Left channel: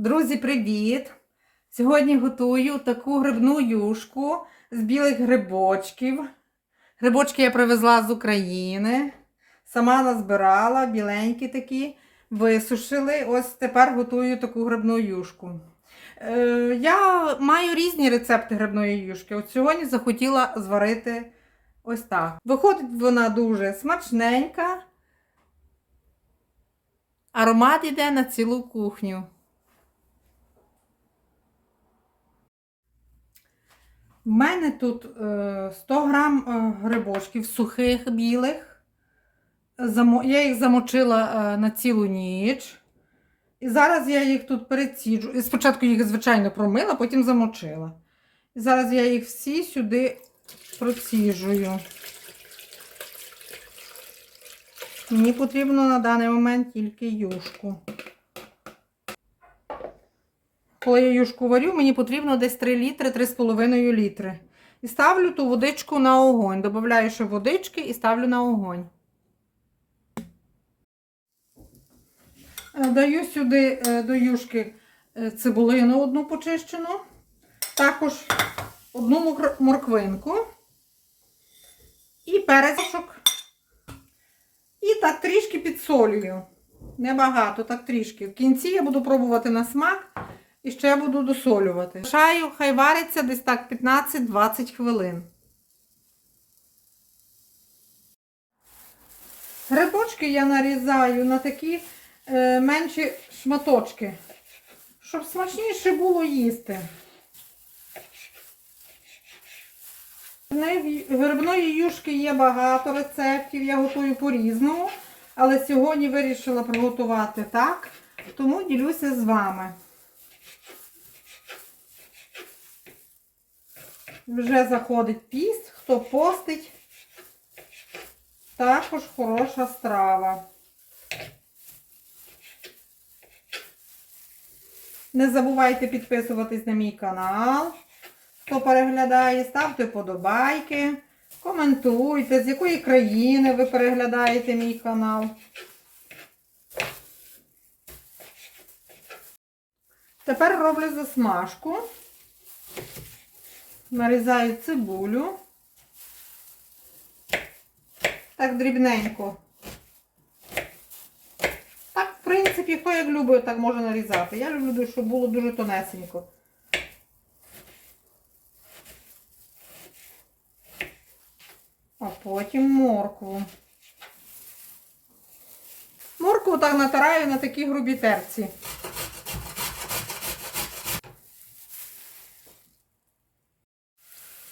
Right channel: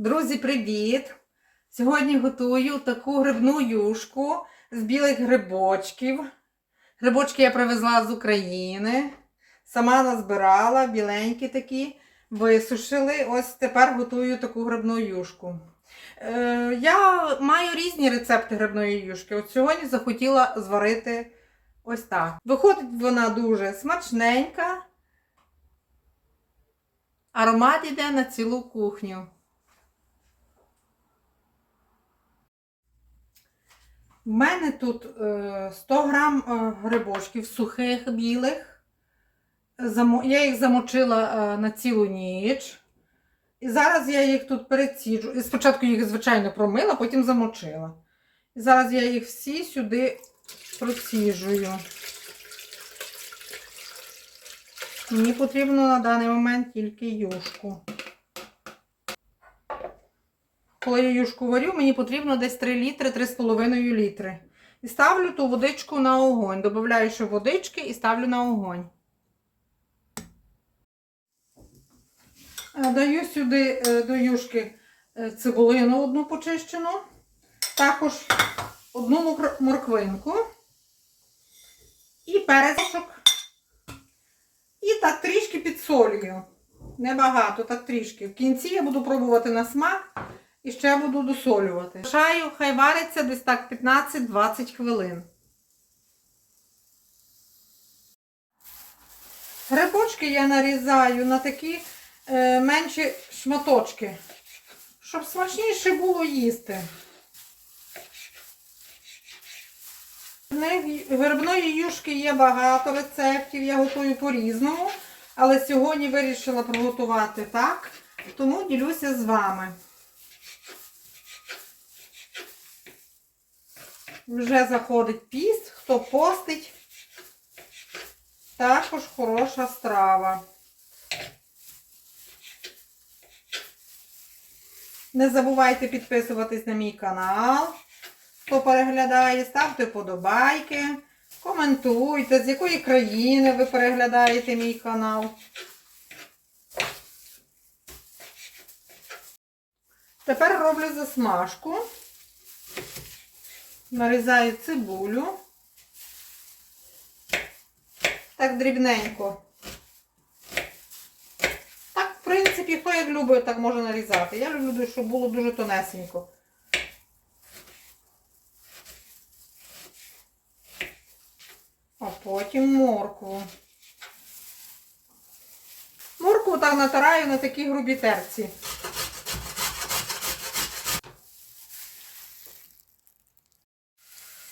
Друзі, привіт! Сьогодні готую таку грибну юшку з білих грибочків. Грибочки я привезла з України. Сама назбирала, біленькі такі, висушили. Ось тепер готую таку грибну юшку. Е, я маю різні рецепти грибної юшки. От сьогодні захотіла зварити ось так. Виходить вона дуже смачненька. Аромат йде на цілу кухню. У мене тут е, 100 грам е, грибочків сухих білих. Я їх замочила е, на цілу ніч. І зараз я їх тут переціджу. І спочатку їх, звичайно, промила, потім замочила. І зараз я їх всі сюди проціжую. Мені потрібно на даний момент тільки юшку. Коли я юшку варю, мені потрібно десь 3 літри, 3,5 літри. І ставлю ту водичку на огонь. Добавляю ще водички і ставлю на огонь. Е, Даю сюди е, до юшки е, цибулину одну почищену, також одну морквинку і перецьок. І так трішки підсолюю. Небагато, так трішки. В кінці я буду пробувати на смак і ще буду досолювати. Шаю, хай вариться десь так 15-20 хвилин. Грибочки я нарізаю на такі е, менші шматочки, щоб смачніше було їсти. Грибної юшки є багато рецептів, я готую по-різному, але сьогодні вирішила приготувати так, тому ділюся з вами. Вже заходить піст, хто постить, також хороша страва. Не забувайте підписуватись на мій канал. Хто переглядає, ставте подобайки, коментуйте, з якої країни ви переглядаєте мій канал. Тепер роблю засмажку. Нарізаю цибулю. Так дрібненько. Так, в принципі, хто як любить, так може нарізати. Я люблю, щоб було дуже тонесенько. А потім моркву. Моркву так натираю на такі грубі терці.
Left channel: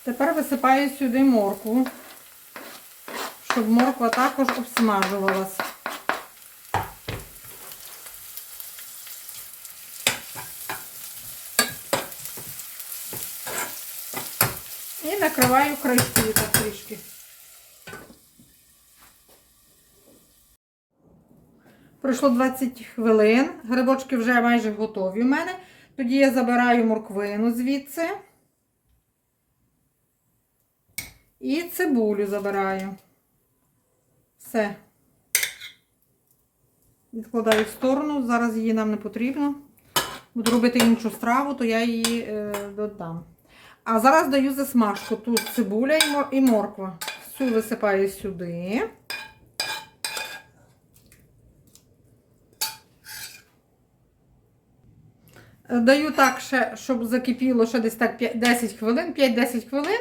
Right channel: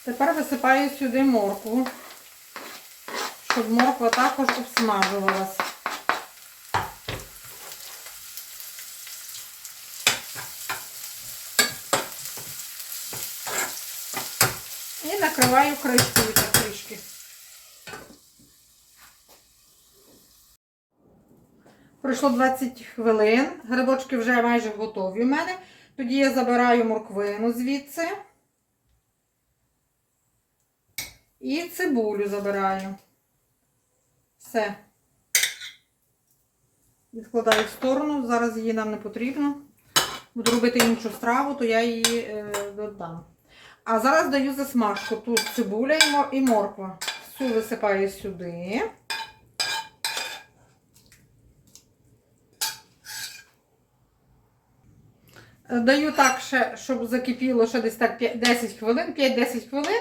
Тепер висипаю сюди моркву, щоб морква також обсмажувалась. І накриваю кришкою так трішки. Пройшло 20 хвилин. Грибочки вже майже готові в мене. Тоді я забираю морквину звідси. І цибулю забираю. Все. Відкладаю в сторону. Зараз її нам не потрібно. Буду робити іншу страву, то я її е, додам. А зараз даю засмажку. Тут цибуля і морква. Всю висипаю сюди. Е, Даю так, ще, щоб закипіло ще десь так 10 хвилин, 5-10 хвилин,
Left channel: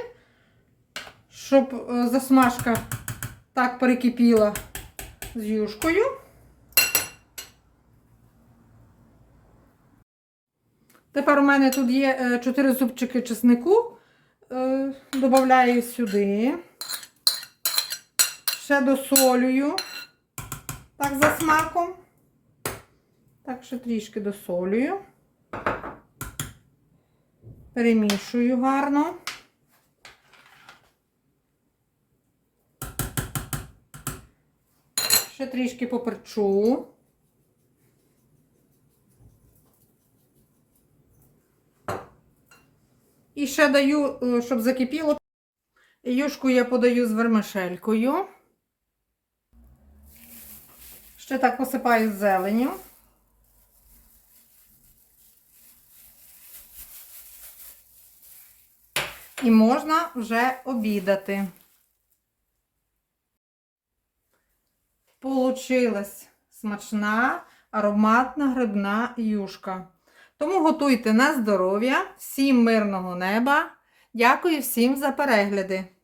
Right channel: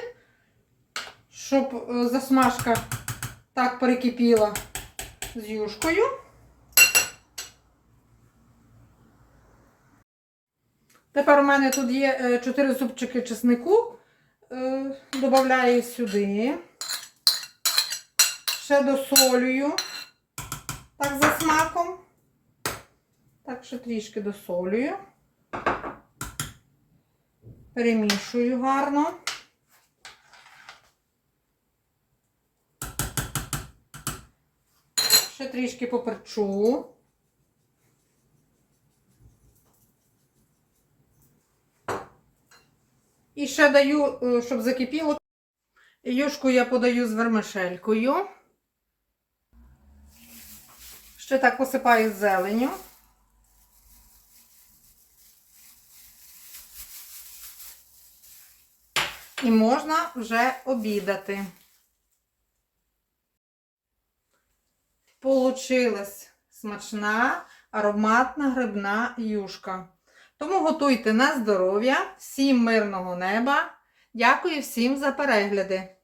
щоб е, засмажка так перекипіла з юшкою. Тепер у мене тут є 4 зубчики чеснику. Е, Добавляю сюди. Ще досолюю. Так, за смаком. Так, ще трішки досолюю. Перемішую гарно. трішки поперчу. І ще даю, е, щоб закипіло. Юшку я подаю з вермишелькою. Ще так посипаю зеленю. І можна вже обідати. Получилась смачна ароматна грибна юшка. Тому готуйте на здоров'я, всім мирного неба. Дякую всім за перегляди!